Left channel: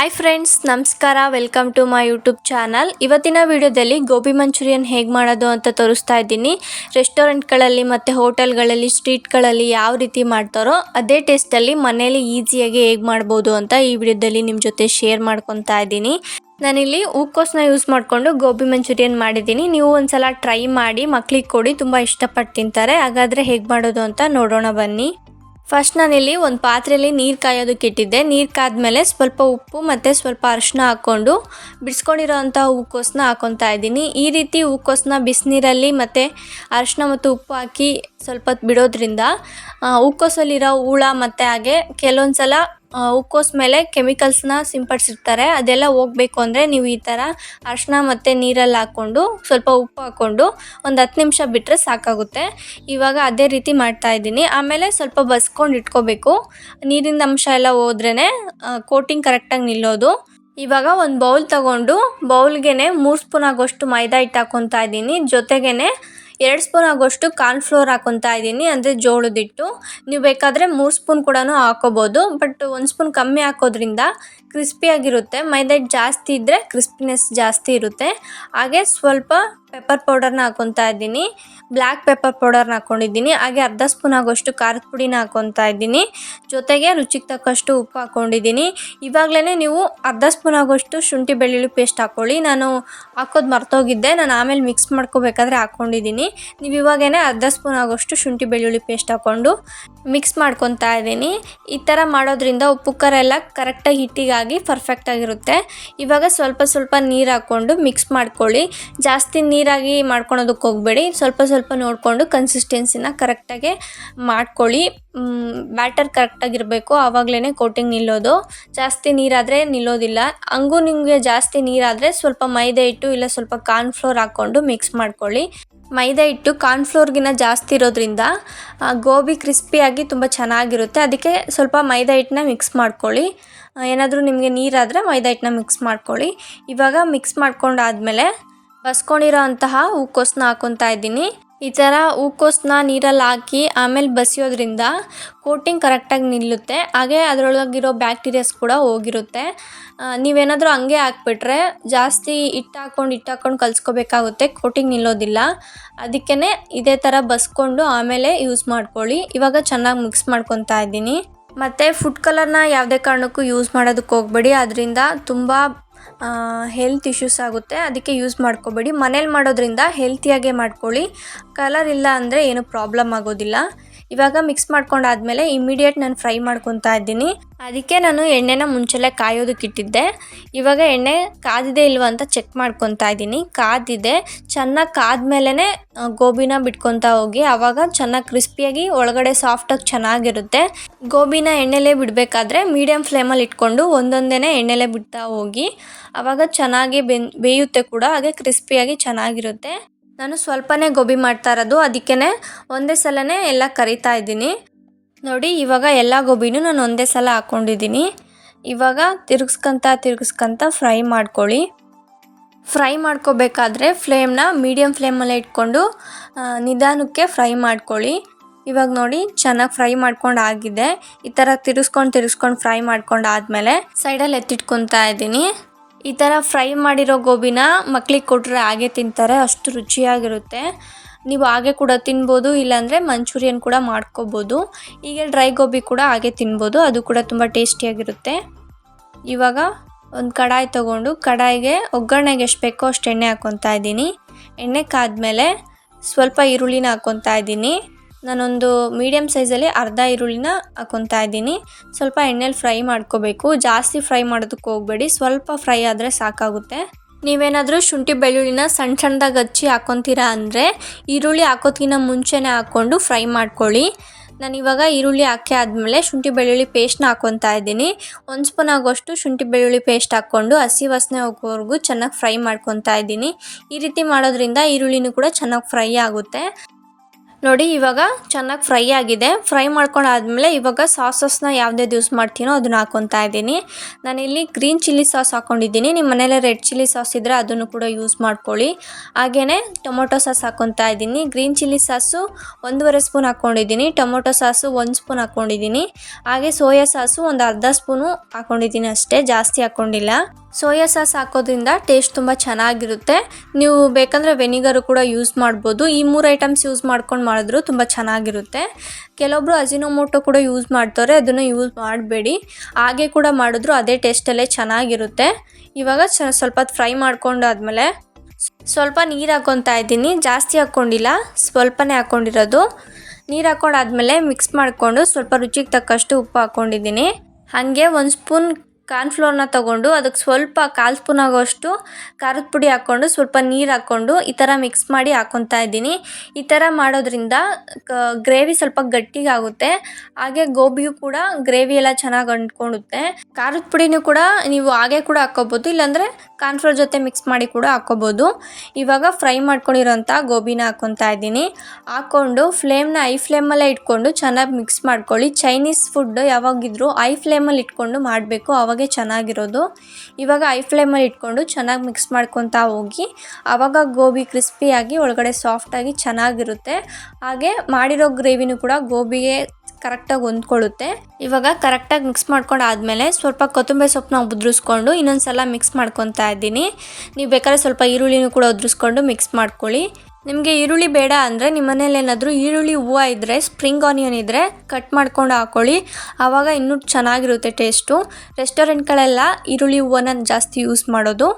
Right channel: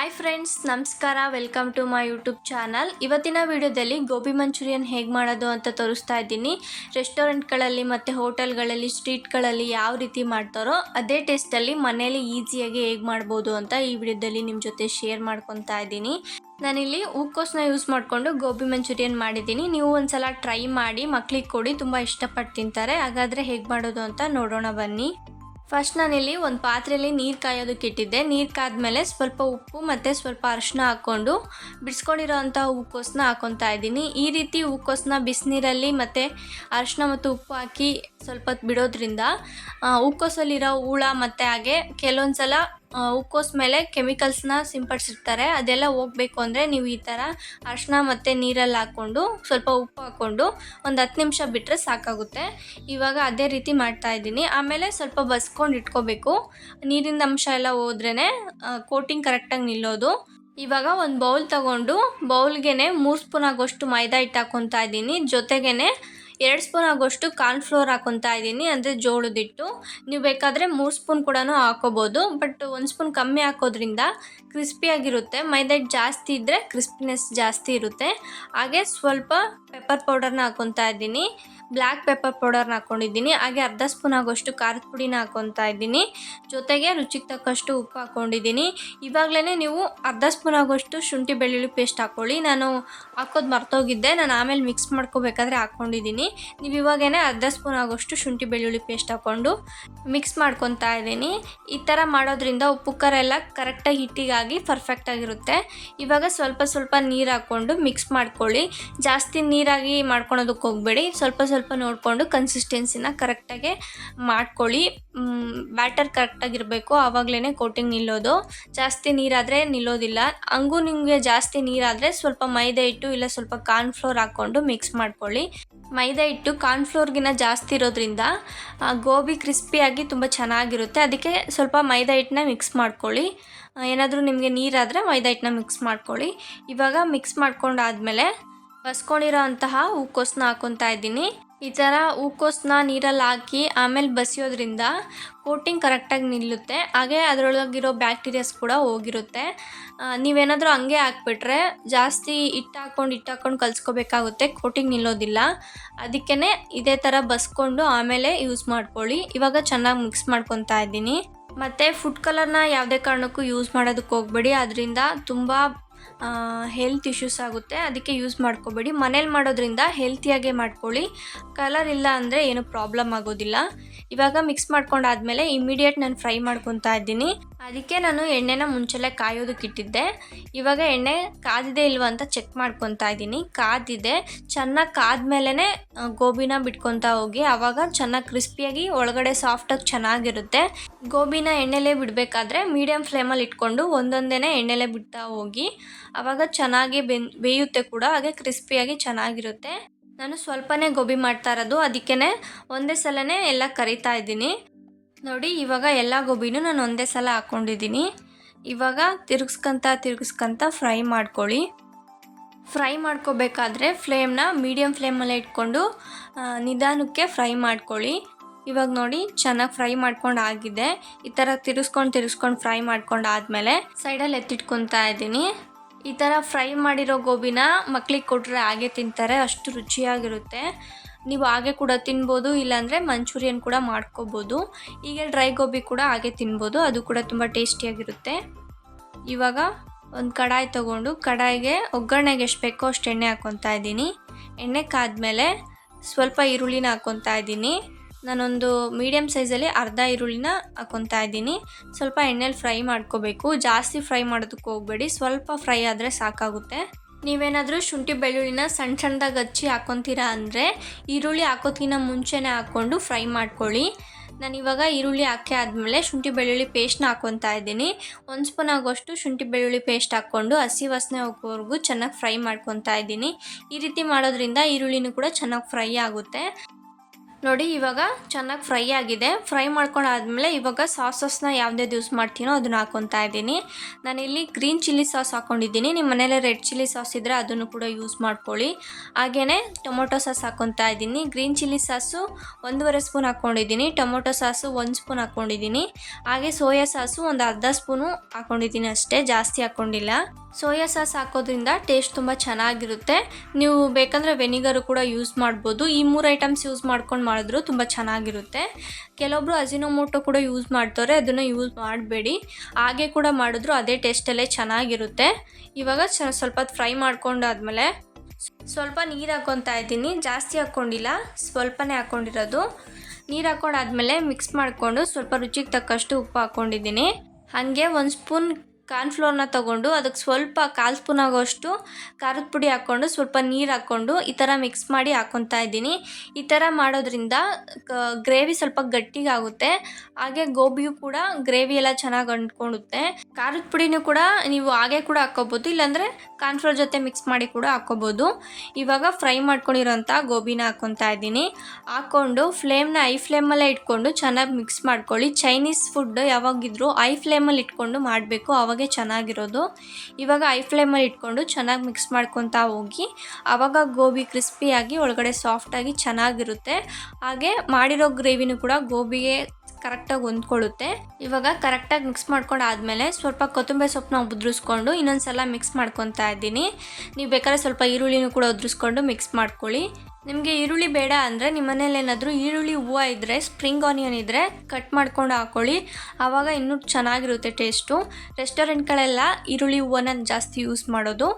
Hi friends ನಮಸ್ಕಾರ. Welcome to my YouTube channel ಇವತ್ತಿನ ವಿಡಿಯೋದಲ್ಲಿ ಗೋಬಿ ಮಂಚೂರಿಯನ್ ಹೇಗೆ ಮಾಡೋದು ಅಂತ ತೋರಿಸ್ತಾ ಇದ್ದೀನಿ. ರೆಸ್ಟೋರೆಂಟ್ಗಳಲ್ಲಿ ಮತ್ತು ಹೋಟೆಲ್ಗಳಲ್ಲಿ, ಸ್ಟ್ರೀಟ್ಗಳಲ್ಲಿ ಯಾವ ರೀತಿ ಮಾಡ್ತಾರೋ ಅದೇ ಟೇಸ್ಟಲ್ಲಿ ಮನೇಲಿ ಈಸಿಯಾಗಿ ಹೇಗೆ ಮಾಡ್ಬೋದು ಅಂತ ಈ ವಿಡಿಯೋದಲ್ಲಿ ನಿಮ್ಮ ಜೊತೆ ಶೇರ್ ಮಾಡ್ಕೊತಾ ಇದ್ದೀನಿ. ನಾನಿಲ್ಲಿ ಹೂಕೋಸನ್ನ ಯೂಸ್ ಮಾಡಿಕೊಂಡು ಗೋಬಿ ಮಂಚೂರಿಯನ್ ಮಾಡಿದ್ದೀನಿ. ನೀವು ಒಂದ್ಸಲ ಟ್ರೈ ಮಾಡಿ ಮಕ್ಕಳಿಗೆ ಕೊಡಿ, ತುಂಬ ಇಷ್ಟಪಟ್ಟು ತಿಂತಾರೆ. ಹಾಗಾದರೆ ಹೇಗೆ ಮಾಡೋದು ಅಂತ ನೋಡೋಣ ಬನ್ನಿ. ಫಸ್ಟ್ ನಾನಿಲ್ಲಿ ಒಂದು ಪಾತ್ರೆಯಲ್ಲಿ ನೀರು ಕಾಯೋದಕ್ಕೆ ಇಟ್ಟಿದ್ದೆ. ನೀರು ಕಾದ್ಮೇಲೆ ಸ್ವಲ್ಪ ಉಪ್ಪು ಮತ್ತು ಸ್ವಲ್ಪ ಅರಿಶಿನ ಹಾಕ್ಕೊಂಡು ಬಿಡಿಸ್ಕೊಂಡಿರೋ ಅಂಥ ಹೂಕೋಸನ್ನ ಹಾಕ್ಕೊತಾ ಇದ್ದೀನಿ. ಈ ರೀತಿ ಹೂಕೋಸನ್ನ ಬಿಸಿನೀರಲ್ಲಿ ಮತ್ತು ಅರಿಶಿನ ಮತ್ತು ಉಪ್ಪು ಹಾಕಿ ಸ್ವಲ್ಪ ಬಿಡೋದ್ರಿಂದ ಹೂಕೋಸಲ್ಲಿರೋ ಹುಳ ಮತ್ತು ಹಾಗೆ ಕೆಲವೊಂದು ಸಲ ಹೂಕೋಸ್ ಮೇಲೆ ಕೆಮಿಕಲ್ಸ್ನ ಸಿಂಪಡಿಸಿರ್ತಾರೆ. ಅದೆಲ್ಲ ಹೋಗಬೇಕು ಅಂದರೆ ನೀವು ಈ ಥರ ಅರಿಶಿನ ಮತ್ತು ನೀರಲ್ಲಿ ಹಾಕ್ಕೊಂಡು ಸ್ವಲ್ಪ ಉಪ್ಪು ಹಾಕ್ಕೊಂಡು ಒಂದು ಹತ್ತು ನಿಮಿಷ ಬಿಟ್ಟರೆ ಸಾಕಾಗುತ್ತೆ. ಇವಾಗ ಅದೇ ರೀತಿ ಮಾಡ್ತಾ ಇದ್ದೀನಿ. ಆಮೇಲೆ ಸ್ವಲ್ಪ ಬಸ್ಕೊಂಡು ಇಟ್ಕೋಬೇಕು. ನೀರಿನ ಅಂಶ ಎಲ್ಲ ಹೋದ್ರೇ ಕೋಟಿಂಗ್ ಕರೆಕ್ಟಾಗಿ ನಿಲ್ಲೋದು. ಇವಾಗ ಒಂದು ಬೌಲ್ ತಗೊಂಡು ಬೌಲ್ಗೆ ಮೂರು ಸ್ಪೂನ್ ಆಗೋಷ್ಟು ಮೈದಾ ಹಿಟ್ಟು ಹಾಕ್ಕೊತಾ ಇದ್ದೀನಿ. ಜೊತೆಗೇ ಎರಡು ಸ್ಪೂನ್ ಆಗೋಷ್ಟು ಕಾರ್ನ್ ಫ್ಲೋರ್ ಹಾಕೊತಾ ಇದ್ದೀನಿ, ಅಂದರೆ ಜೋಳದ ಹಿಟ್ಟು ನೀವು ಬೇಕಾದರೆ ಮೂರು ಸ್ಪೂನ್ ಕೂಡ ಹಾಕೋಬೋದು, ಬಟ್ ಒಂದು ಸ್ಪೂನ್ ಕಮ್ಮಿ ಹಾಕೋದ್ರಿಂದ ಕ್ರಿಸ್ಪಿಯಾಗಿರುತ್ತೆ ಮೈದಾ ಜಾಸ್ತಿ ಇದ್ದರೆ ಕ್ರಿಸ್ಪಿನೆಸ್ ಜಾಸ್ತಿ ಇರುತ್ತೆ. ಹಾಗೆ ಸ್ವಲ್ಪ ಪೆಪ್ಪರ್ ಪೌಡರ್ನ ಹಾಕೊತಾ ಇದ್ದೀನಿ. ಬ್ಲ್ಯಾಕ್ ಪೆಪ್ಪರ್ ಪೌಡರ್ನ ಹಾಕ್ಕೊಂಡಿದ್ದೀನಿ ಹಾಗೆ ಅರ್ಧ ಸ್ಪೂನ್ ಆಗೋಷ್ಟು ಖಾರದ ಪುಡಿನ ಹಾಕ್ಕೊತಾ ಇದ್ದೀನಿ. ಜೊತೆಗೆ ರುಚಿಗೆ ತಕ್ಕಷ್ಟು ಉಪ್ಪು ಹಾಕ್ಕೊಂಡಿದ್ದೀನಿ ಇವಾಗಲೇ ನೀವು ಅರ್ಧ ಸ್ಪೂನ್ ಆಗೋಷ್ಟು ಶುಂಠಿ ಬೆಳ್ಳುಳ್ಳಿ ಪೇಸ್ಟ್ ಹಾಕ್ಕೊಳ್ಳಿ ನಾನು ಹಾಕೋದು ಮರ್ತೋಗಿದ್ದೆ. ನಾನು ಆಮೇಲೆ ಮಿಕ್ಸ್ ಮಾಡ್ಕೋಬೇಕಾದ್ರೆ ಹಾಕ್ಕೊಂಡಿದ್ದೀನಿ ನೀವು ಇವಾಗೇ ಅರ್ಧ ಸ್ಪೂನ್ ಆಗೋಷ್ಟು ಶುಂಠಿ ಬೆಳ್ಳುಳ್ಳಿ ಪೇಸ್ಟ್ ಹಾಕ್ಕೊಂಡು ಮಿಕ್ಸ್ ಮಾಡ್ಕೊತಾ ಇದ್ದೀನಿ. ಈ ಥರ ಮಾಡೋದ್ರಿಂದ ಉಪ್ಪು ಖಾರ ಎಲ್ಲ ಕರೆಕ್ಟಾಗಿ ಹಿಟ್ಟಿಗಾಗಿ ಪರ್ಫೆಕ್ಟಾಗಿರುತ್ತೆ ಇವಾಗ ಸ್ವಲ್ಪ ಸ್ವಲ್ಪ ನೀರು ಹಾಕ್ಕೊಂಡು ಮಿಕ್ಸ್ ಮಾಡ್ಕೊಳ್ಳಿ. ಜಾಸ್ತಿ ನೀರಾಗಿ ಮಾಡ್ಕೊಳೋದಕ್ಕೆ ಹೋಗಬೇಡಿ. ಸ್ವಲ್ಪ ಸ್ವಲ್ಪ ನೋಡಿಕೊಂಡು ಕನ್ಸಿಸ್ಟೆನ್ಸಿನ ಕರೆಕ್ಟಾಗಿ ಮಾಡ್ಕೊಳ್ಳಿ. ಬ್ಯಾಟರ್ ಕರೆಕ್ಟಾಗಿರಬೇಕು ಆವಾಗಲೇ ಕೋಟಿಂಗ್ ನಿಲ್ಲೋದು. ಜಾಸ್ತಿ ನೀರಾದರೆ ನಿಲ್ಲೋದಿಲ್ಲ. ಹಂಗೂ ನಿಮಗೆ ಜಾಸ್ತಿ ನೀರಾದರೆ ಸ್ವಲ್ಪ ಮೈದಾ ಹಿಟ್ಟು ಇಲ್ಲ ಸ್ವಲ್ಪ ಕಾರ್ನ್ ಫ್ಲೋರ್ ಹಾಕ್ಕೊಂಡು ಮಿಕ್ಸ್ ಮಾಡ್ಕೊಳ್ಳಿ. ಮೈದಾ ಹಿಟ್ಟು ಕಾರ್ನ್ಫ್ಲೋರ್ಗಿನ ಜಾಸ್ತಿ ಇರೋದ್ರಿಂದ ಗೋಬಿ ಕ್ರಿಸ್ಪಿಯಾಗಿ ತುಂಬ ಚೆನ್ನಾಗಿರುತ್ತೆ. ಅದಕ್ಕೆ ಸ್ವಲ್ಪ ಮೈದಾ ಹಿಟ್ಟನ್ನ ಮಿಕ್ಸ್ ಮಾಡ್ಕೊಳ್ಳಿ. ಏನಾದರೂ ನಿಮಗೆ ನೀರಾದರೆ ಮೈದಾ ಹಿಟ್ಟನ್ನ ಮಿಕ್ಸ್ ಮಾಡ್ಕೊಳ್ಳಿ. ಇವಾಗ ಮಿಕ್ಸ್ ಮಾಡ್ಕೊಂಡಾದ್ಮೇಲೆ, ಬಸ್ಕೊಂಡಿರೋ ಅಂತಹ ಹೂಕೋಸನ್ನ ಹಾಕೊತಾ ಇದ್ದೀನಿ. ಈ ಥರ ಹೂಕೋಸನ್ನ ನೀರಲ್ಲಿ ಹಾಕಿ ಆಮೇಲೆ ಬಸಿಯೋದ್ರಿಂದ ಕೋಟಿಂಗ್ ಕರೆಕ್ಟಾಗಿ ನಿಲ್ಲುತ್ತೆ. ಹಾಗೆ ಅದರೊಳಗಿರೋ ಬ್ಯಾಕ್ಟೀರಿಯಾಸ್ ಕೂಡ ಹೋಗಿರುತ್ತೆ. ನೀವೇನಾದರೂ ಹಂಗೆ ಹಾಕ್ಬಿಟ್ರೆ ಜಾಸ್ತಿ ಹಿಟ್ಟು ಹಾಕ್ಕೊಂಡು ಹಿಟ್ಟು ಹಾಕ್ಕೊಂಡು ಕಲಿಸ್ಕೋಬೇಕಾಗುತ್ತೆ. ಕೋಟಿಂಗ್ ನಿಲ್ಲೋದಿಲ್ಲ. ಅದಕ್ಕೇ ಇದೇ ಥರ ಬಸ್ಕೊಂಡು ಆಮೇಲೆ ಯೂಸ್ ಮಾಡ್ಕೊಳ್ಳಿ. ಇವಾಗ ಚೆನ್ನಾಗಿ ಮಿಕ್ಸ್ ಮಾಡ್ಕೊತಾ ಇದ್ದೀನಿ. ಮತ್ತು ಫುಡ್ ಕಲರ್ನ ಯಾವುದೇ ಕಾರಣಕ್ಕೂ ಯೂಸ್ ಮಾಡೋದಕ್ಕೆ ಹೋಗಬೇಡಿ. ಅದರಿಂದ ತುಂಬ ಹೆಲ್ತ್ ಇಶ್ಯೂಸ್ ಆಗುತ್ತೆ. ಅದಕ್ಕೆ ಯೂಸ್ ಮಾಡ್ಕೋಬೇಡಿ. ಮನೇಲಿ ಮಾಡೋದ್ರಿಂದ ಹೆಲ್ತಿಯಾಗೇ ಮಾಡ್ಕೊಳ್ಳಿ. ಕಲರ್ ಇಲ್ಲ ಅಂದರೆ ಏನು ಪ್ರಾಬ್ಲಮ್ ಆಗೋದಿಲ್ಲ. ಇವಾಗ ಮಿಕ್ಸ್ ಮಾಡ್ಕೊಂಡಾದ್ಮೇಲೆ ಇಮಿಡಿಯೇಟ್ ನಾನು ಫ್ರೈ ಮಾಡ್ಕೊತಾ ಇದ್ದೀನಿ. ಅದಕ್ಕೆ ನಾನು ಎಣ್ಣೆನ ಮುಂಚೆಲೆ ಕಾಯೋದಕ್ಕಿಟ್ಟಿದ್ದೆ ಇವಾಗ ಎಣ್ಣೆ ಕಾದಿದೆ ಇಲ್ವ ಅಂತ ಚೆಕ್ ಮಾಡ್ಕೊತಾ ಇದ್ದೀನಿ. ಕಾದಿದೆ. ಚೆನ್ನಾಗಿ ಕಾದ್ಮೇಲೆ ಗೋಬಿನ ಬಿಟ್ಕೊತಾ ಹೋಗಿ. ಆವಾಗ ಚೆನ್ನಾಗಿ ಕ್ರಿಸ್ಪಿಯಾಗಿ ಒಳಗಡೆ ಸಾಫ್ಟಾಗಿ ಚೆನ್ನಾಗಿರುತ್ತೆ. ಗೋಬಿನ ಎಣ್ಣೆಲೇ ಬಿಡಬೇಕಾದ್ರೆ ಮೀಡಿಯಮ್ ಫ್ಲೇಮಲ್ಲಿ ಇಟ್ಕೊಂಡು ಒಂದೊಂದೇ ಎಣ್ಣೆಲೇ ಬಿಡ್ತಾ ಹೋಗಿ. ಆವಾಗ ಚೆನ್ನಾಗಿ ಬೆನ್, ಬೇಯುತ್ತೆ ಕೂಡ. ಹಾಗೆ ಕ್ರಿಸ್ಪಿಯಾಗಿ ಚೆನ್ನಾಗಿರುತ್ತೆ. ನಾನು ಸ್ವಲ್ಪನೇ ಗೋಬಿ ಮಾಡ್ತಾ ಇರೋದು ಅದಕ್ಕೇ ಒಂದೇ ಸಲನೇ ಎಲ್ಲ ಕರಿತಾ ಇದ್ದೀನಿ. ನೋಡಿ, ಇವಾಗ ಎಲ್ಲ ಗೋಬಿನೂ ನಾನು ಒಂದೇ ಸಲ ಹಾಕ್ಕೊಂಡಿದ್ದೀನಿ ಇವಾಗ ತಿರುಗಿಸ್ಕೊಂತ ತಿರುಗಿಸ್ಕೊಂತ ಫ್ರೈ ಮಾಡ್ಕೊಳ್ಳಿ. ಫ್ರೈ ಮಾಡ್ಕೋಬೇಕಾದ್ರೆ ಫ್ಲೇಮ್ನ ಮೀಡಿಯಮ್ ಫ್ಲೇಮಲ್ಲೇ ಇಟ್ಕೊಂಡು ನಿಧಾನಕ್ಕೆ ಫ್ರೈ ಮಾಡ್ಕೊಳ್ಳಿ. ಇವಾಗ ನೋಡಿ, ಚೆನ್ನಾಗಿ ಫ್ರೈ ಮಾಡ್ಕೊಂಡು ಆಗಿದೆ. ಈ ಥರ ತಿರುಗಿಸ್ಕೊಂಡು ತಿರುಗಿಸ್ಕೊಂಡು ಫ್ರೈ ಮಾಡ್ಕೊಂಡು ಆದಮೇಲೆ ಸೈಡಲ್ಲಿ ಎತ್ತಿಟ್ಕೊತಾ ಇದ್ದೀನಿ. ಈ ಥರ ಫ್ರೈ ಮಾಡಿರೋ ಗೋಬಿನ ಮಕ್ಳಿಗೆ ಕೊಟ್ಟರೆ ಹಾಗೆ ತಿಂತಾರೆ, ಅಷ್ಟು ರುಚಿಯಾಗಿರುತ್ತೆ. ನೀವು ಹಾಗೆ ಕೂಡ ತಿನ್ಬೋದು, ಇಲ್ಲಾಂದರೆ ಮಂಚೂರಿಯನ್ ಕೂಡ ಮಾಡ್ಕೋಬೋದು. ಈಗ ಡ್ರೈ ಗೋಬಿ ಕೂಡ ಹಾಗೆ ತಿನ್ಬೋದು, ಅದು ಕೂಡ ತುಂಬ ಟೇಸ್ಟಿಯಾಗಿರುತ್ತೆ. ಇವಾಗ ಒಂದು ಕಡಾಯಿ ತೊಗೊಂಡು, ಕಡಾಯಿಗೆ ಒಗ್ಗರಣೆಗೆ ಎಷ್ಟು ಬೇಕೋ ಅಷ್ಟು ಎಣ್ಣೆ ಹಾಕ್ಕೊತಾ ಇದ್ದೀನಿ. ಎಣ್ಣೆ ಕಾದ್ಮೇಲೆ ಸ್ವಲ್ಪ ಈರುಳ್ಳಿನ ಹಾಕ್ಕೊತಾ ಇದ್ದೀನಿ. ನಾನೊಂದು ಮೀಡಿಯಮ್ ಸೈಜಲ್ಲಿ ಅರ್ಧ ಈರುಳ್ಳಿನ ಹಾಕೊತಾ ಇದ್ದೀನಿ. ಸ್ವಲ್ಪ ಎಣ್ಣೆಲಿ ಫ್ರೈ ಮಾಡ್ಕೋಬೇಕು. ಜಾಸ್ತಿ ಫ್ರೈ ಮಾಡೋದಕ್ಕೆ ಹೋಗಬೇಡಿ. ಸ್ವಲ್ಪ ಫ್ರೈ ಆದರೆ ಸಾಕಾಗುತ್ತೆ. ನೀವೇನಾದರೂ ಶುಂಠಿ ಬೆಳ್ಳುಳ್ಳಿನ ಸಣ್ಣ ಸಣ್ಣದಾಗ ಹಚ್ಚಿ ಹಾಕ್ಕೊತೀರಾ ಅಂದರೆ ಈರುಳ್ಳಿ ಹಾಕೋದಕ್ಕಿಂತ ಮುಂಚೆನೇ ಹಾಕ್ಕೊಂಡು ಫ್ರೈ ಮಾಡ್ಕೊಳ್ಳಿ. ನಾನು ಇವಾಗ ಈರುಳ್ಳಿ ಹಾಕಿ ಆದಮೇಲೆ ಶುಂಠಿ ಬೆಳ್ಳುಳ್ಳಿ ಪೇಸ್ಟ್ನ ಹಾಕ್ಕೊತಾ ಇದ್ದೀನಿ. ಒಂದು ಸ್ಪೂನ್ ಆಗೋಷ್ಟು ಶುಂಠಿ ಬೆಳ್ಳುಳ್ಳಿ ಪೇಸ್ಟ್ ಹಾಕ್ಕೊಂಡು ಹಸಿ ವಾಸನೆ ಹೋಗೋವರೆಗೂ ಚೆನ್ನಾಗಿ ಫ್ರೈ ಮಾಡ್ಕೊತಾ ಇದ್ದೀನಿ. ಈ ರೀತಿ ಮಾಡೋದ್ರಿಂದ ಈರುಳ್ಳಿನೂ ಕೂಡ ಚೆನ್ನಾಗಿ ಫ್ರೈ ಆಗುತ್ತೆ. ನೋಡಿ, ಇವಾಗ ಚೆನ್ನಾಗಿ ಫ್ರೈ ಆಗಿದೆ. ಫ್ರೈ ಮಾಡ್ಕೊಂಡಾದಮೇಲೆ ಇವಾಗ ಸಾಸಸ್ನ ಯಾವ್ದು ಯೂಸ್ ಮಾಡ್ತೀನೋ ಅದನ್ನ ಹಾಕೊತಾ ಇದ್ದೀನಿ. ನಾನಿಲ್ಲಿ ಗ್ರೀನ್ ಚಿಲ್ಲಿ ಸಾಸ್ ಹಾಕ್ಕೊಂಡಿದ್ದೀನಿ ನಿಮ್ಮ ಮನೇಲಿ ರೆಡ್ ಚಿಲ್ಲಿ ಸಾಸ್ ಇದ್ದರೆ ಅದನ್ನು ಕೂಡ ಯೂಸ್ ಮಾಡ್ಕೊಳ್ಳಿ. ಹಾಗೆಯೇ ಟೊಮೊಟೊ ಸಾಸ್ ಹಾಕ್ಕೊತಾ ಇದ್ದೀನಿ. ಗ್ರೀನ್ ಚಿಲ್ಲಿ ಸಾಸು ಒಂದೂವರೆ ಸ್ಪೂನ್ ಹಾಕ್ಕೊಂಡಿದ್ದೀನಿ ಟೊಮೊಟೊ ಸಾಸು ಒಂದು ಸ್ಪೂನ್ ಹಾಕ್ಕೊಂಡಿದ್ದೀನಿ ಹಾಗೆ ಸೋಯಾ ಸಾಸು ಒಂದು ಅರ್ಧ ಸ್ಪೂನು ಹಾಕ್ಕೊಂಡಿದ್ದೀನಿ ಅಷ್ಟೇ, ಜಾಸ್ತಿ ಹಾಕ್ಕೊಂಡಿಲ್ಲ ಸೋಯಾ ಸಾಸ್ ಹಾಕೋದ್ರಿಂದ ಟೇಸ್ಟ್ ತುಂಬ ಚೆನ್ನಾಗಿರುತ್ತೆ. ನೀವು ಬೇಕಂದರೆ ವೆನಿಗರು ಕೂಡ ಯೂಸ್ ಮಾಡ್ಬೋದು. ಈ ಮೂರು ಐಟಮ್ಸ್ ಯೂಸ್ ಮಾಡ್ಕೊಂಡು ಮಾಡಿದ್ರು ತುಂಬ ಚೆನ್ನಾಗಿರುತ್ತೆ. ಕೆಲವೊಬ್ರು ಅಜಿನೋಮೋಟೊ ಕೂಡ ಯೂಸ್ ಮಾಡ್ತಾರೆ, ಅದನ್ನು ಯೂಸ್ ಮಾಡಬೇಡಿ. ಹಾಗೆ ಕೂಡ ಮಾಡಿದ್ರು, ಅದೇ ಟೇಸ್ಟಲ್ಲೇ ಚೆನ್ನಾಗಿರುತ್ತೆ. ಇವಾಗ ಚ, ಸ್ವಲ್ಪ ಫ್ರೈ ಮಾಡ್ಕೊಂಡಾದ್ಮೇಲೆ ಸ್ವಲ್ಪ ನೀರು ಹಾಕ್ಕೊತಾ ಇದ್ದೀನಿ. ಜಾಸ್ತಿ ಹಾಕ್ಕೊಂಡಿಲ್ಲ ಸ್ವಲ್ಪನೇ ಹಾಕ್ಕೊಂಡಿರೋದು ನೀರು ಹಾಕ್ಕೊಂಡಾದ್ಮೇಲೆ ಮಿಕ್ಸ್ ಮಾಡಿಕೊಂಡು ಸ್ವಲ್ಪ ರುಚಿಗೆ ತಕ್ಕಷ್ಟು ಉಪ್ಪು ಹಾಕ್ಕೊಂಡಿದ್ದೀನಿ ಹಾಗೆ ಒಂದು ಸ್ಪೂನ್ ಕಾರ್ನ್ಫ್ಲೋರ್ನ ತೊಗೊಂಡು ಅದಕ್ಕೆ ಸ್ವಲ್ಪ ಕಾಲು ಸ್ಪೂನ್ ಆಗೋಷ್ಟು ಖಾರದ ಪುಡಿ ಹಾಕ್ಕೊಂಡು ಸ್ವಲ್ಪ ನೀರು ಹಾಕ್ಕೊಂಡು ಈ ಥರ ಮಿಕ್ಸ್ ಮಾಡಿ ಹಾಕ್ಕೊತಾ ಇದ್ದೀನಿ. ಈ ಥರ ಮಾಡೋದ್ರಿಂದ ಗ್ರೇವಿ ಸ್ವಲ್ಪ ಗಟ್ಟಿಗಾಗುತ್ತೆ ಹಾಗೆ ಗೋಬಿಯು ಕೂಡ ಗ್ರೇವಿ ಎಲ್ಲ ಚೆನ್ನಾಗಿ ಅಂಟ್ಕೊಳ್ಳುತ್ತೆ. ಖಾರದ ಪುಡಿನೂ ಕೂಡ ನೀವು ಹಾಗೆ ಕೂಡ ಹಾಕ್ಕೋಬೋದು, ಇಲ್ಲಾಂದರೆ ಕಾರ್ನ್ಫ್ಲೋರ್ ಜೊತೆ ಮಿಕ್ಸ್ ಮಾಡಿ ಕೂಡ ಹಾಕ್ಕೋಬೋದು. ಇವಾಗ ಫ್ರೈ ಮಾಡ್ಕೊಂಡಿರೋಂಥ ಗೋಬಿನ ಹಾಕ್ಕೊತಾ ಇದ್ದೀನಿ. ಹಾಕ್ಕೊಂಡು ಫ್ಲೇಮ್ನ ಐ ಫ್ಲೇಮಲ್ಲೇ ಇಟ್ಕೊಂಡು ಚೆನ್ನಾಗಿ ಮಿಕ್ಸ್ ಮಾಡ್ಕೊಳ್ಳಿ. ಚೈನೀಸ್ ಫುಡ್ ಯಾವಾಗಿದ್ರೂ ಐ ಫ್ಲೇಮಲ್ಲಿ ಇಟ್ಕೊಂಡು ಮಾಡಬೇಕು ಅವಾಗ ಚೆನ್ನಾಗಿರೋದು. ಇವಾಗ ಐ ಫ್ಲೇಮಲ್ಲಿ ಇಟ್ಕೊಂಡು ಚೆನ್ನಾಗಿ ಮಿಕ್ಸ್ ಮಾಡ್ಕೊತಾ ಹೋಗಿ ಆವಾಗ ಗೋಬಿ ಕ್ರಿಸ್ಪಿಯಾಗಿ ಒಳಗಡೆ ಸಾಫ್ಟಾಗಿ ಚೆನ್ನಾಗಿರುತ್ತೆ. ಹಾಗೆ ಮಾಡಿರೋ ಗ್ರೇವಿನೂ ಕೂಡ ಗೋಬಿಗೆ ಕರೆಕ್ಟಾಗಿ ಹೊಂದ್ಕೊಳ್ಳುತ್ತೆ. ಇವಾಗ ಕರೆಕ್ಟಾಗಿ ಮಿಕ್ಸ್ ಮಾಡ್ಕೊಂಡು ಆದಮೇಲೆ ಸ್ವಲ್ಪ ಕೊತ್ತಂಬರಿ ಸೊಪ್ಪನ್ನ ಉದುರಿಸ್ಕೊಂಡು ಇನ್ನೊಂದು ಸಲ ಮಿಕ್ಸ್ ಮಾಡ್ಕೊತಾ ಇದ್ದೀನಿ. ನೀವು ಬೇಕಾದ್ರೆ ಸ್ವಲ್ಪ ಈರುಳ್ಳಿನೂ ಕೂಡ ಉದುರಿಸ್ಕೊಂಡು ಮಿಕ್ಸ್ ಮಾಡ್ಕೊಳ್ಳಿ. ನಿಮಗೆ ಈರುಳ್ಳಿ ಬೇಡ ಅಂದರೆ ನಿಮ್ಮ ಮನೇಲಿ ಏನಾದರೂ ಈರುಳ್ಳಿ ಹೂವು ಇದ್ದರೆ ಸ್ಪ್ರಿಂಗ್ ಆನಿಯನ್ ಇದ್ದರೆ ಕಟ್ ಮಾಡ್ಕೊಂಡು ಹಾಕ್ಕೊಳ್ಳಿ ಆವಾಗ ಇನ್ನೂ ಚೆನ್ನಾಗಿರುತ್ತೆ ಟೇಸ್ಟು ರೆಸ್ಟೋರೆಂಟ್ಗಳೆಲ್ಲ ಈರುಳ್ಳಿ ಹೂವನ್ನ ಜಾಸ್ತಿ ಯೂಸ್ ಮಾಡೋದು.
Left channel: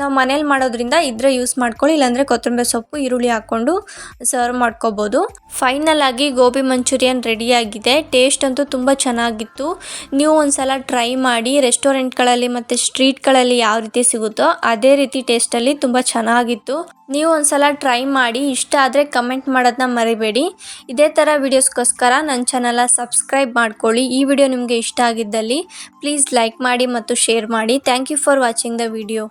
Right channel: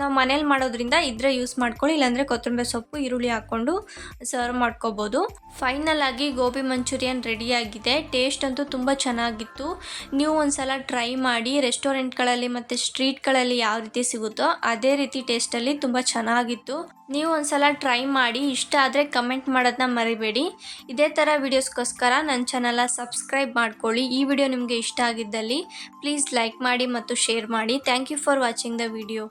ನಾವು ಮನೇಲಿ ಮಾಡೋದ್ರಿಂದ ಇದ್ರೆ ಯೂಸ್ ಮಾಡ್ಕೊಳ್ಳಿ, ಇಲ್ಲಾಂದರೆ ಕೊತ್ತಂಬರಿ ಸೊಪ್ಪು, ಈರುಳ್ಳಿ ಹಾಕ್ಕೊಂಡು ಸರ್ವ್ ಮಾಡ್ಕೋಬೋದು. ಫೈನಲ್ ಆಗಿ ಗೋಬಿ ಮಂಚೂರಿಯನ್ ರೆಡಿಯಾಗಿದೆ ಟೇಸ್ಟ್ ಅಂತೂ ತುಂಬ ಚೆನ್ನಾಗಿತ್ತು. ನೀವು ಒಂದ್ಸಲ ಟ್ರೈ ಮಾಡಿ ರೆಸ್ಟೋರೆಂಟ್ಗಳಲ್ಲಿ ಮತ್ತು ಸ್ಟ್ರೀಟ್ಗಳಲ್ಲಿ ಯಾವ ರೀತಿ ಸಿಗುತ್ತೋ ಅದೇ ರೀತಿ ಟೇಸ್ಟಲ್ಲಿ ತುಂಬ ಚೆನ್ನಾಗಿತ್ತು. ನೀವು ಒಂದ್ಸಲ ಟ್ರೈ ಮಾಡಿ ಇಷ್ಟ ಆದರೆ ಕಮೆಂಟ್ ಮಾಡೋದನ್ನ ಮರಿಬೇಡಿ. ಇದೇ ಥರ ವೀಡಿಯೋಸ್ಗೋಸ್ಕರ ನನ್ನ ಚಾನಲ ಸಬ್ಸ್ಕ್ರೈಬ್ ಮಾಡ್ಕೊಳ್ಳಿ. ಈ ವಿಡಿಯೋ ನಿಮಗೆ ಇಷ್ಟ ಆಗಿದ್ದಲ್ಲಿ ಪ್ಲೀಸ್ ಲೈಕ್ ಮಾಡಿ ಮತ್ತು ಶೇರ್ ಮಾಡಿ. Thank you for watching the video.